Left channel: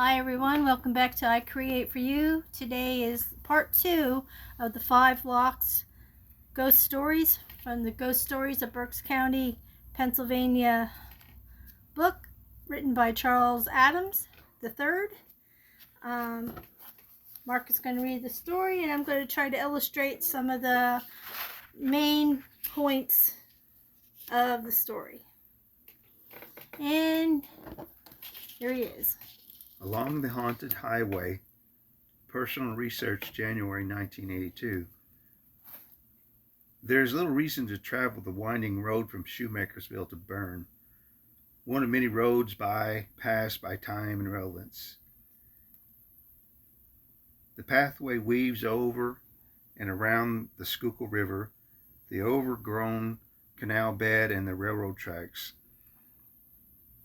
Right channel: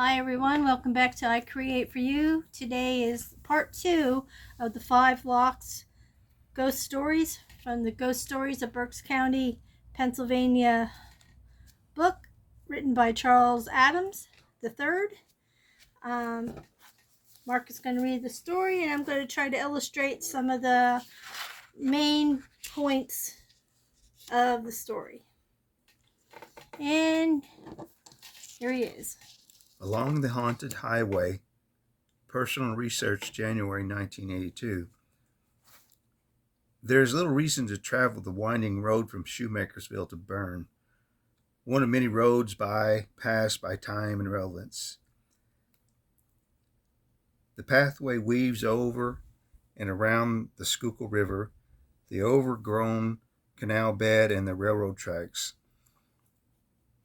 Hi everyone, welcome back to I Create For You. Today is part 2 of the 5 Locks Ghost Stories from the Ghost Stories of Berks County, Pennsylvania book written by Charles Adams III. Mark is going to read the story and I'm going to try to illustrate some of the main points of the story. And here he is. Along the Haunted Highway, Personal Research, January 1982. There is little reason to travel the winding road from Shoemakersville to Bern, one of many roads passed by time and relevance. The pathway weaves over and around the Schuylkill River, the overgrown canal bed, and the railroad tracks.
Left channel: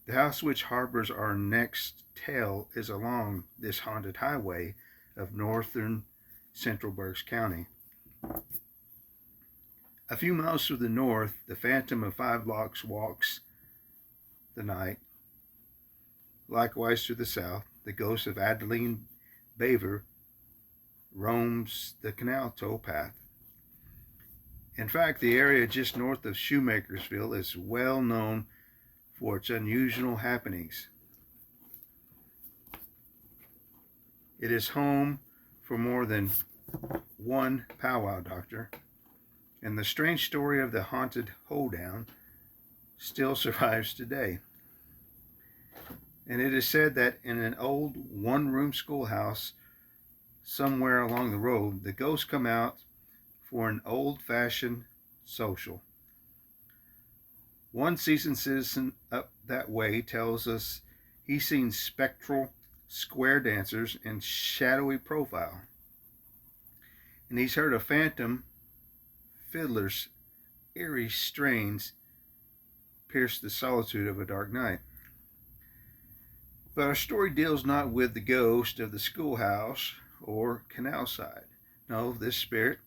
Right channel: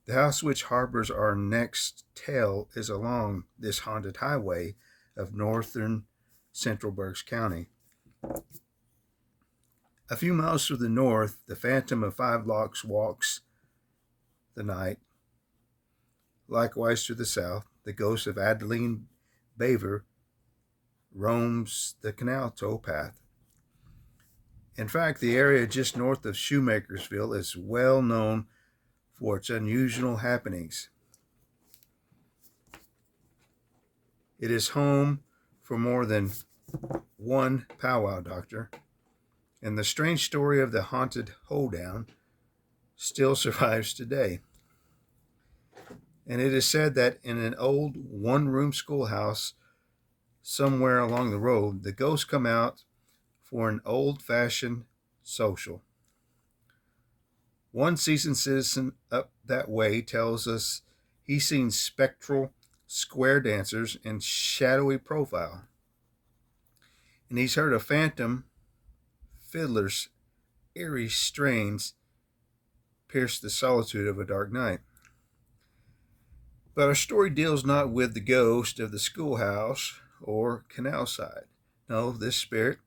The house which harbors our next tale is along this haunted highway of northern central Berks County. A few miles to the north, the phantom of Five Locks walks the night. Likewise to the south, the ghost of Adeline Baver roams the canal towpath. In fact, the area just north of Shoemakersville is well known for its unusual happenings. It is home for more than one powwow doctor, and the strange story of the haunted hoedown still survives today. And it is said that in an old one-room schoolhouse somewhere along the road, the ghosts come out for an old-fashioned social. One seasoned citizen up that way tells us he's seen spectral square dancers in shadowy profile, and he's heard a phantom fiddler's eerie strains pierce the solitude of a dark night. But our story deals not with the ghost of the schoolhouse or canal side. No, this spirit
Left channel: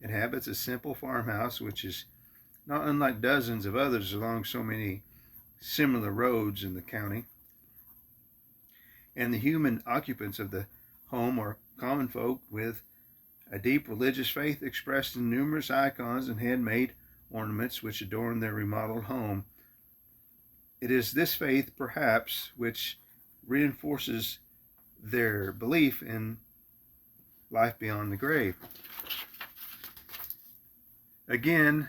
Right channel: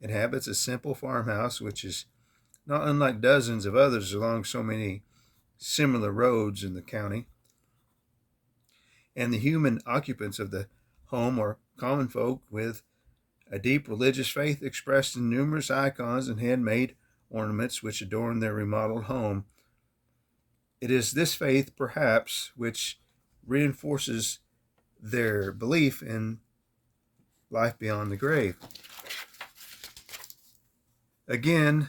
inhabits a simple farmhouse which is not unlike dozens of others along so many similar roads in the county. And the human occupants of the home are common folk with a deep religious faith expressed in numerous icons and handmade ornaments which adorn their remodeled home. It is this faith, perhaps, which reinforces their belief in life beyond the grave. Again,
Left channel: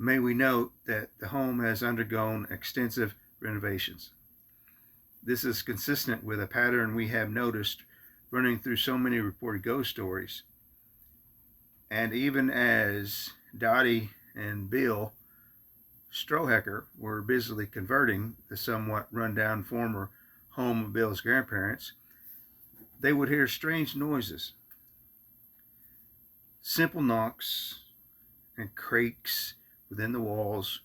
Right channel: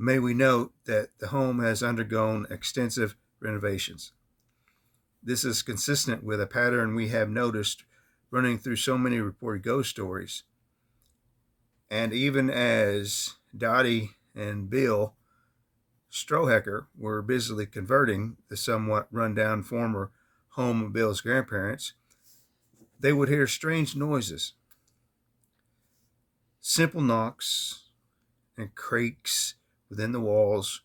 may we note that the home has undergone extensive renovations. This is consistent with a pattern we have noticed running through so many reported ghost stories. And even as Dottie and Bill Strohecker were busily converting the somewhat run-down former home of Bill's grandparents, they would hear strange noises. Simple knocks and creaks within the walls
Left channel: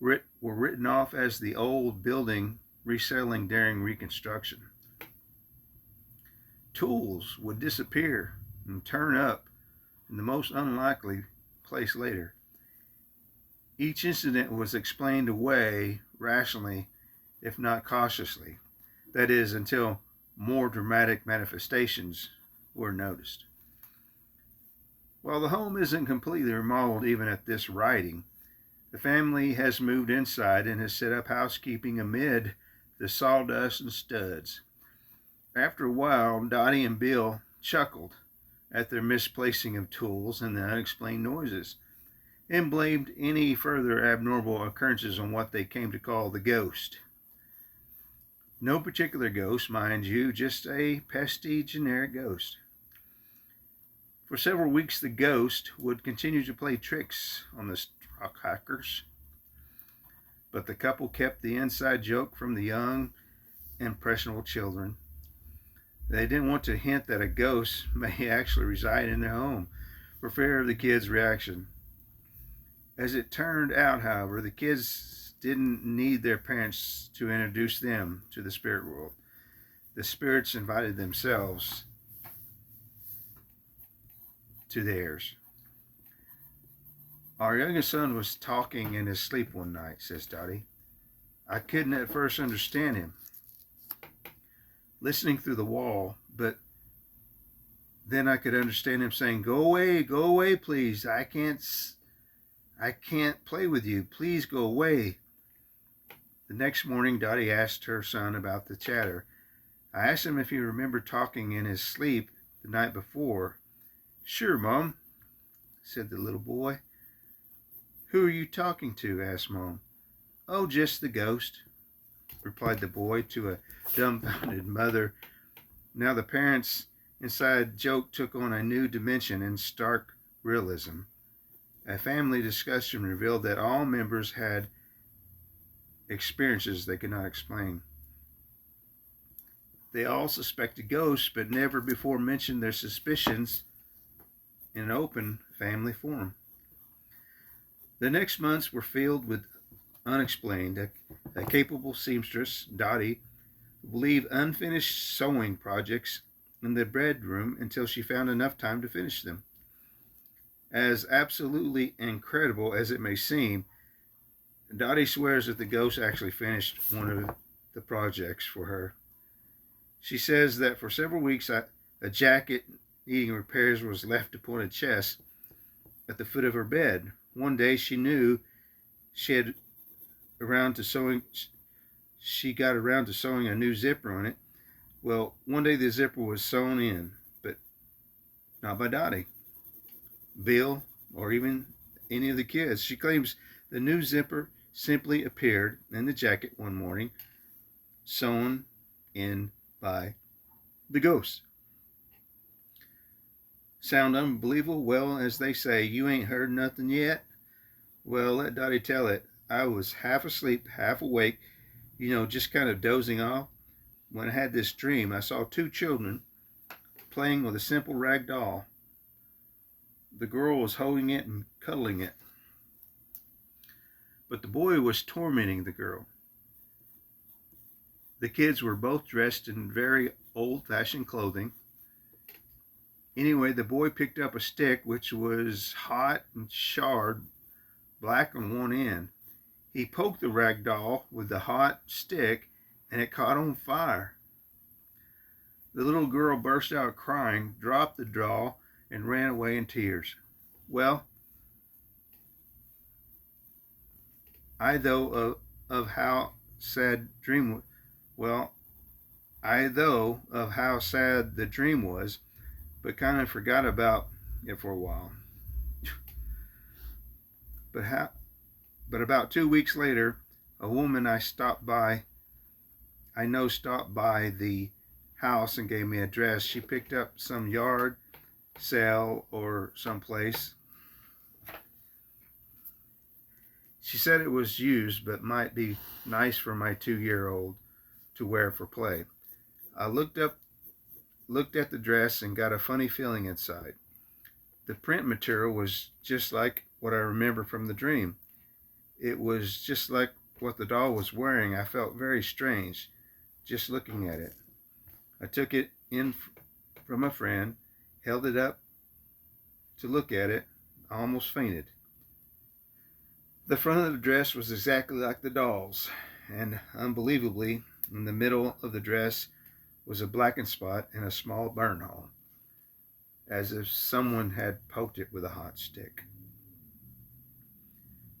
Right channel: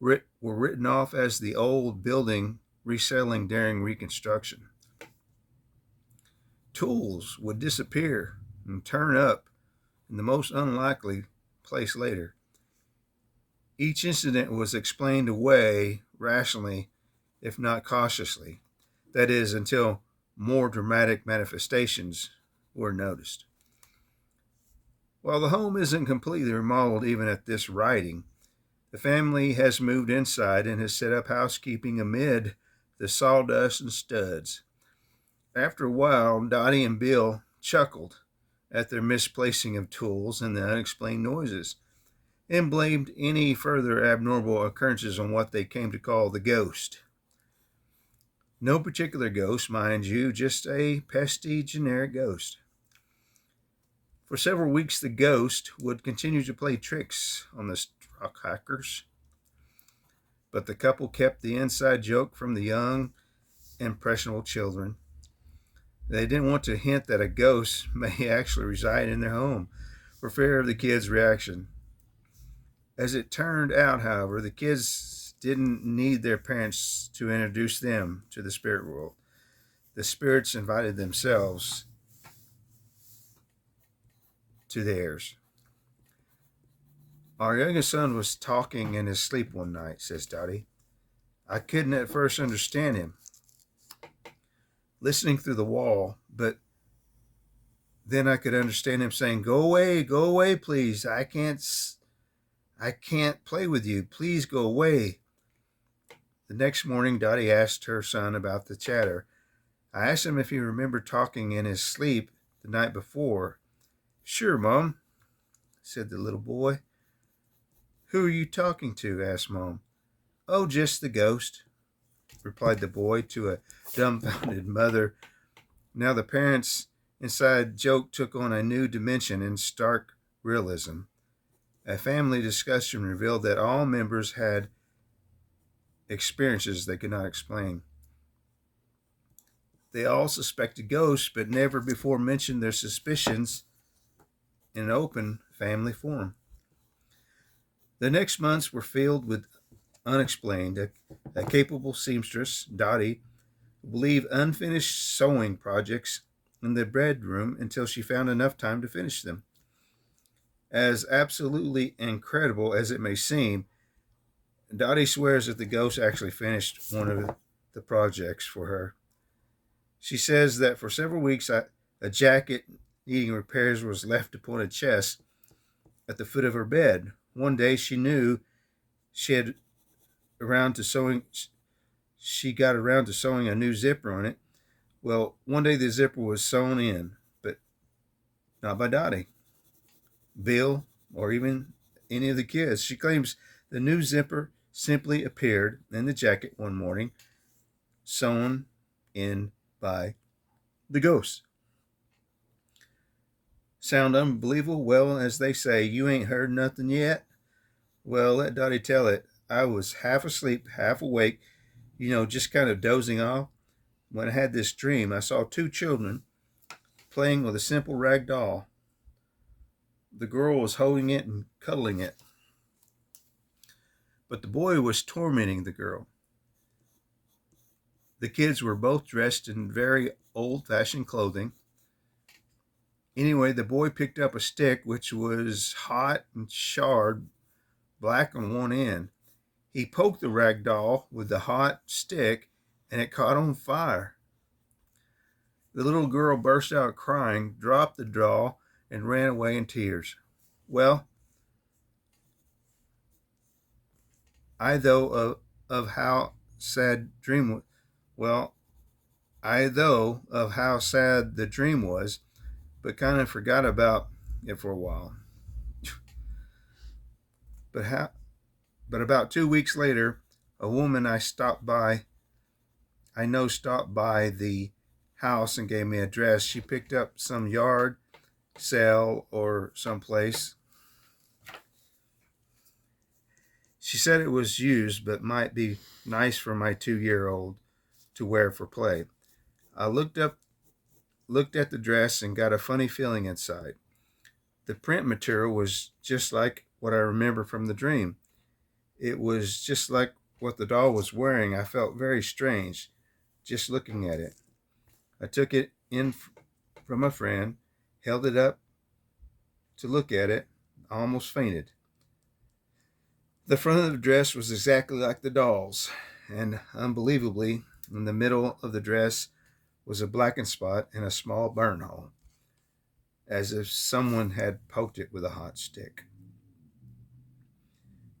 were written off as the old building resettling during reconstruction. Tools would disappear and turn up in the most unlikely place later. Each incident was explained away rationally, if not cautiously. That is, until more dramatic manifestations were noticed. While the home isn't completely remodeled even at this writing, the family has moved inside and has set up housekeeping amid the sawdust and studs. After a while, Dottie and Bill chuckled at their misplacing of tools and the unexplained noises, and blamed any further abnormal occurrences on what they came to call the ghost. No particular ghost, mind you, just a pesky generic ghost. For several weeks, the ghost would continue to play tricks on the Stroheckers, but the couple kept the inside joke from the young, impressionable children. They didn't want to hint that a ghost may actually reside in their home for fear of the kids' reaction. As it turned out, however, the kids didn't need their parents to introduce them to the spirit world. The spirits invited themselves to theirs. Our youngest son was talking in his sleep one night, says Dottie. I couldn't at first understand him. listening through the wall, but then I could understand him saying, go away, please. I can't play with you. Please go away." The next morning, Dottie asked her son about the chatter. I asked him if he remembered talking in his sleep the night before. "Sure, Mom," said the little boy. "Who are you talking to?" asked Mom. "Oh, just the ghost," replied the boy to a dumbfounded mother. Now the parents' inside joke took on a new dimension in stark realism. A family discussion revealed that all members had experiences they could not explain. They all suspected ghosts, but never before mentioned their suspicions in an open family forum. The next months were filled with unexplained. A capable seamstress, Dottie, would leave unfinished sewing projects in the bedroom until she found enough time to finish them. As absolutely incredible as it may seem, Dottie swears that the ghost actually finished one of the projects for her. She says that for several weeks a jacket needing repairs was left upon a chest at the foot of her bed. One day she knew she had around to sewing she got around to sewing a new zipper on it. Well, one day the zipper was sewn in, but not by Dottie, Bill, or even any of the kids. She claims the new zipper simply appeared in the jacket one morning, sewn in by the ghost. Sound unbelievable? Well, as they say, you ain't heard nothing yet. Well, let Dottie tell it. I was half asleep, half awake, just kind of dozing off. When I had this dream, I saw two children playing with a simple rag doll. The girl was holding it and cuddling it, but the boy was tormenting the girl. The kids were both dressed in very old-fashioned clothing. Anyway, the boy picked up a stick which was hot and charred, black on one end. He poked the rag doll with the hot stick and it caught on fire. The little girl burst out crying, dropped the doll, and ran away in tears. Well, I though of how sad dream well, I though of how sad the dream was, but kind of forgot about it for a while. But about 2 weeks later, a woman stopped by the house and gave me a dress. She picked up some yard sale or someplace. She said it was used but might be nice for my 2-year-old to wear for play. I looked at the dress and got a funny feeling inside. The print material was just like what I remember from the dream. It was just like what the doll was wearing. I felt very strange just looking at it. I took it in from a friend, held it up to look at it, I almost fainted. The front of the dress was exactly like the doll's, and unbelievably, in the middle of the dress was a blackened spot and a small burn hole, as if someone had poked it with a hot stick.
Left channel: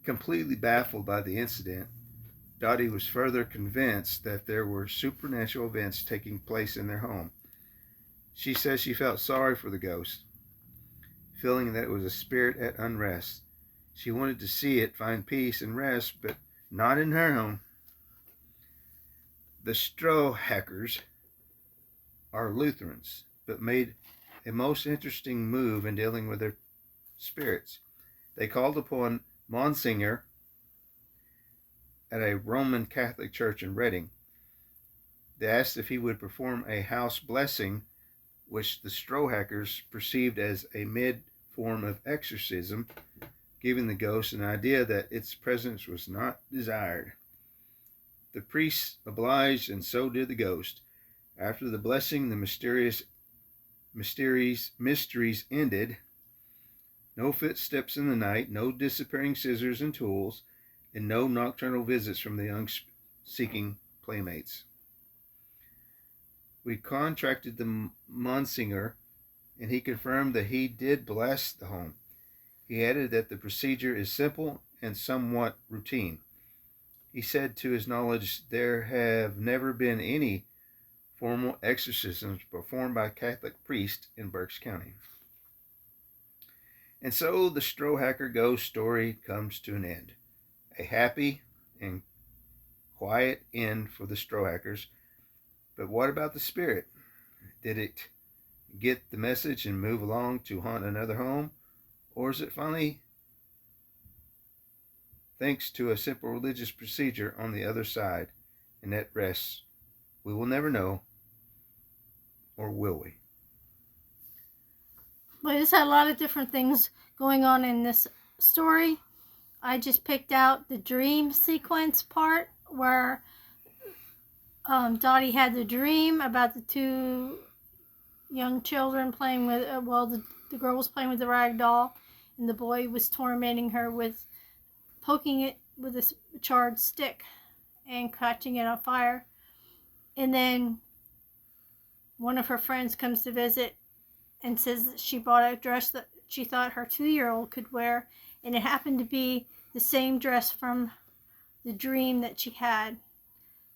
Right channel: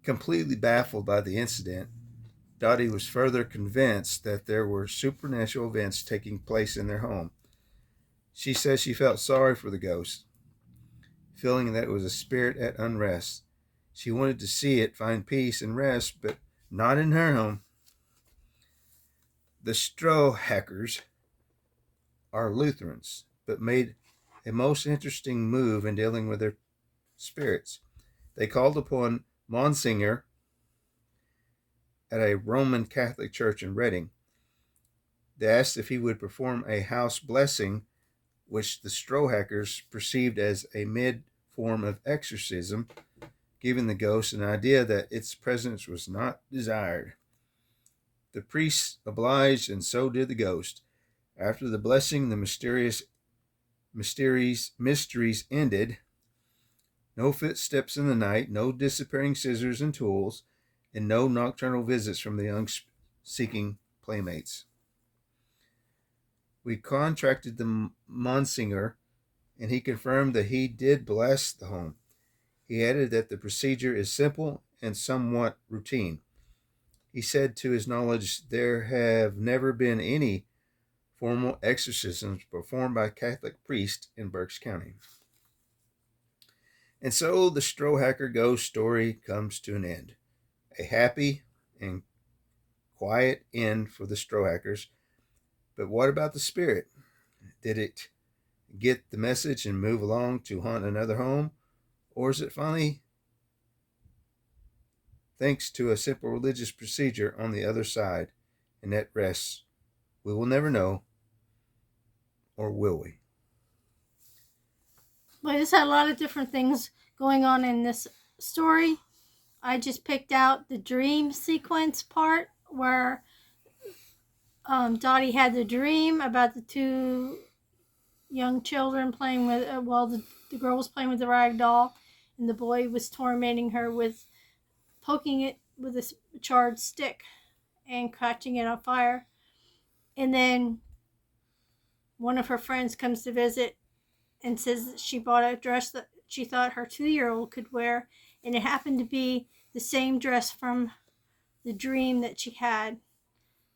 Completely baffled by the incident, Dottie was further convinced that there were supernatural events taking place in their home. She says she felt sorry for the ghost, feeling that it was a spirit at unrest. She wanted to see it find peace and rest, but not in her home. The Strohackers are Lutherans, but made a most interesting move in dealing with their spirits. They called upon Monsignor at a Roman Catholic church in Reading. They asked if he would perform a house blessing, which the Strohackers perceived as a mid-form of exorcism, giving the ghost an idea that its presence was not desired. The priests obliged, and so did the ghost. After the blessing, the mysteries ended. No footsteps in the night, no disappearing scissors and tools, and no nocturnal visits from the young seeking playmates. We contracted the Monsignor, and he confirmed that he did bless the home. He added that the procedure is simple and somewhat routine. He said, to his knowledge, there have never been any formal exorcisms performed by a Catholic priest in Berks County. And so the Strohacker ghost story comes to an end. A happy and quiet end for the Strohackers. But what about the spirit? Did it get the message and move along to haunt another home? Or is it finally, thanks to a simple religious procedure, on the other side and at rest? We will never know. Or will we? Well, I just had a lot of different things going on in this story. I just picked out the dream sequence part where Dottie had the dream about the two young children playing with, the girl was playing with the rag doll, and the boy was tormenting her with poking it with a charred stick and catching it on fire. And then one of her friends comes to visit and says that she bought a dress that she thought her 2-year-old could wear, and it happened to be the same dress from the dream that she had,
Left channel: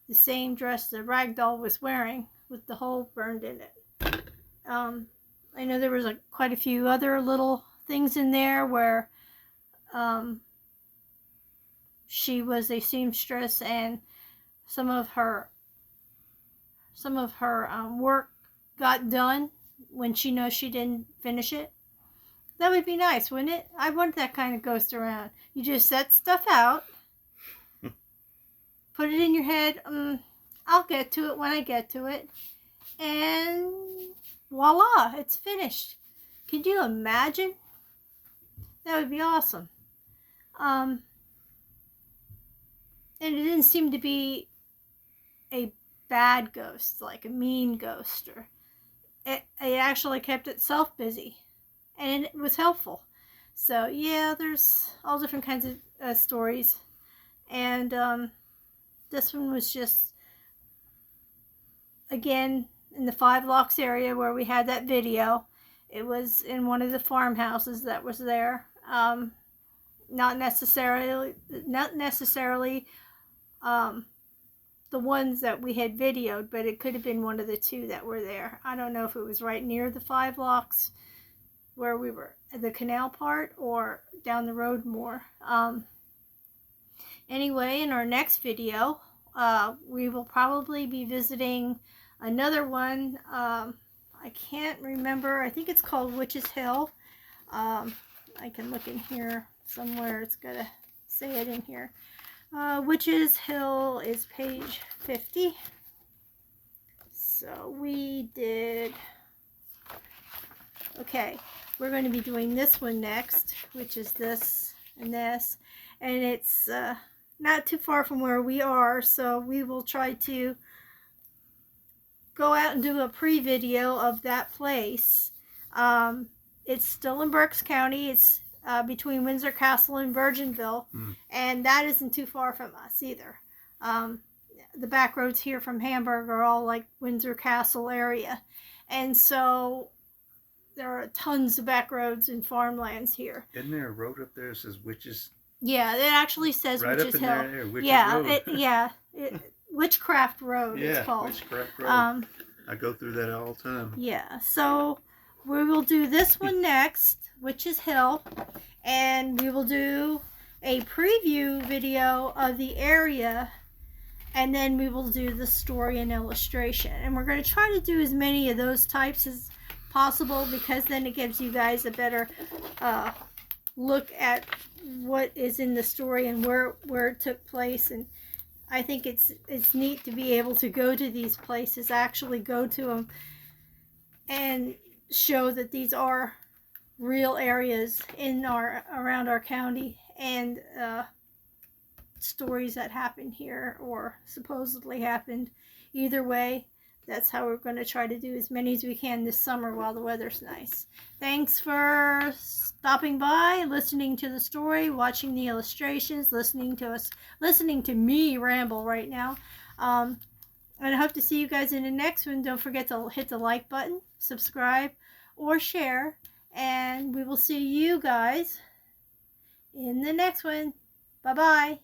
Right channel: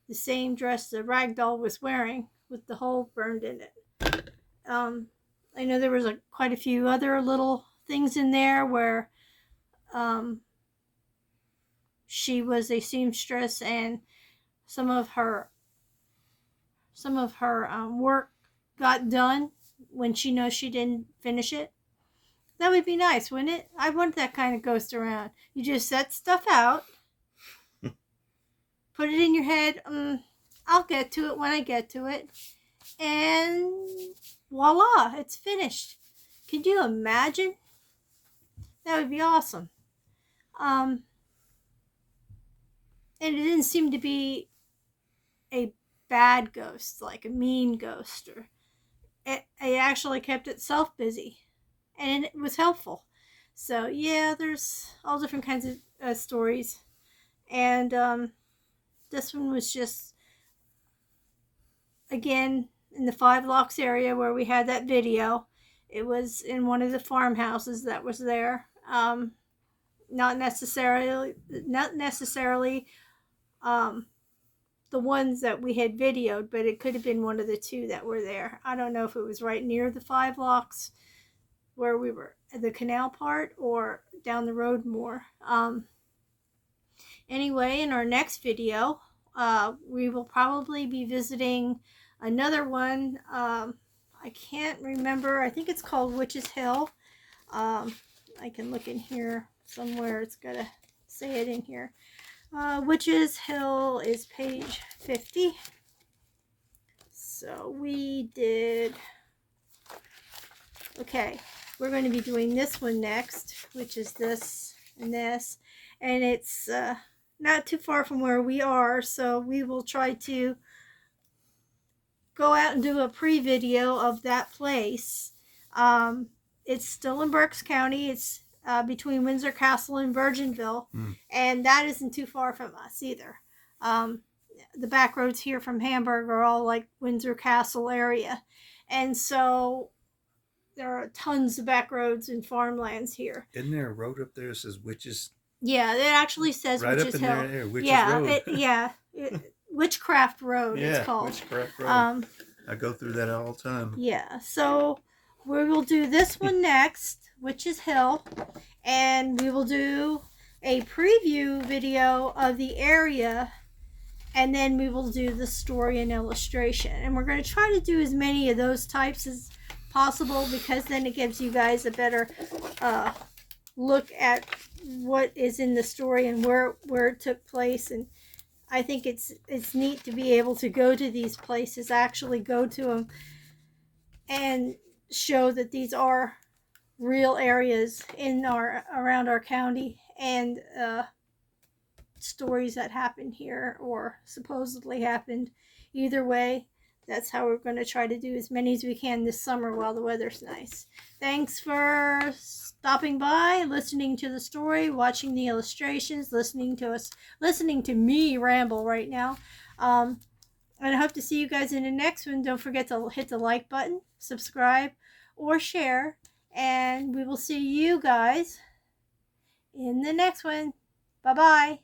the same dress the rag doll was wearing with the hole burned in it. I know there was quite a few other little things in there where she was a seamstress and some of her work got done when she knows she didn't finish it. That would be nice, wouldn't it? I want that kind of ghost around. You just set stuff out, put it in your head, I'll get to it when I get to it, and voila, it's finished. Could you imagine? That would be awesome. And it didn't seem to be a bad ghost, like a mean ghost, or it actually kept itself busy, and it was helpful. So yeah, there's all different kinds of stories, and this one was just, again, in the 5 Locks area where we had that video. It was in one of the farmhouses that was there. Not necessarily the ones that we had videoed, but it could have been one of the 2 that were there. I don't know if it was right near the 5 Locks where we were at the canal part or down the road more. Anyway, in our next video, we will probably be visiting another one. I can't remember. I think it's called Witch's Hill. I can look in here somewhere. It's got to say it in here. Witch's Hill is page 50. So we did... Okay, we're going to be doing this one next, which is this and this. And it's not too far from where we are, so we will try to go out and do a pre-video of that place. It's still in Berks County. It's between Windsor Castle and Virginville, and that isn't too far from us either. The back roads here from Hamburg are all like Windsor Castle area, and so there are tons of back roads and farmlands here. Isn't there a road up there that says Witches? Yeah, it actually says right Witch's up in Hill. there, Witches Road. Witchcraft Road, yeah, it's called. Witchcraft Road. I go through that all the time. Yeah, so we will do this one next, Witch's Hill, and we will do a preview video of the area, and then we will do the story and illustration. And we're going to try to do as many of those types as possible, because then it gives you guys a better look at what is in the story and where it took place. And I think it's neat to be able to go to these places, actually go to them, and show that these are real areas in around our county, and stories that happened here or supposedly happened. Either way, that's how we're going to try to do as many as we can this summer while the weather's nice. Thanks for stopping by, listening to the story, watching the illustrations, listening to me ramble right now. And I hope to see you guys in the next one. Don't forget to hit the like button, subscribe, or share. And we will see you guys in the next one. Bye-bye.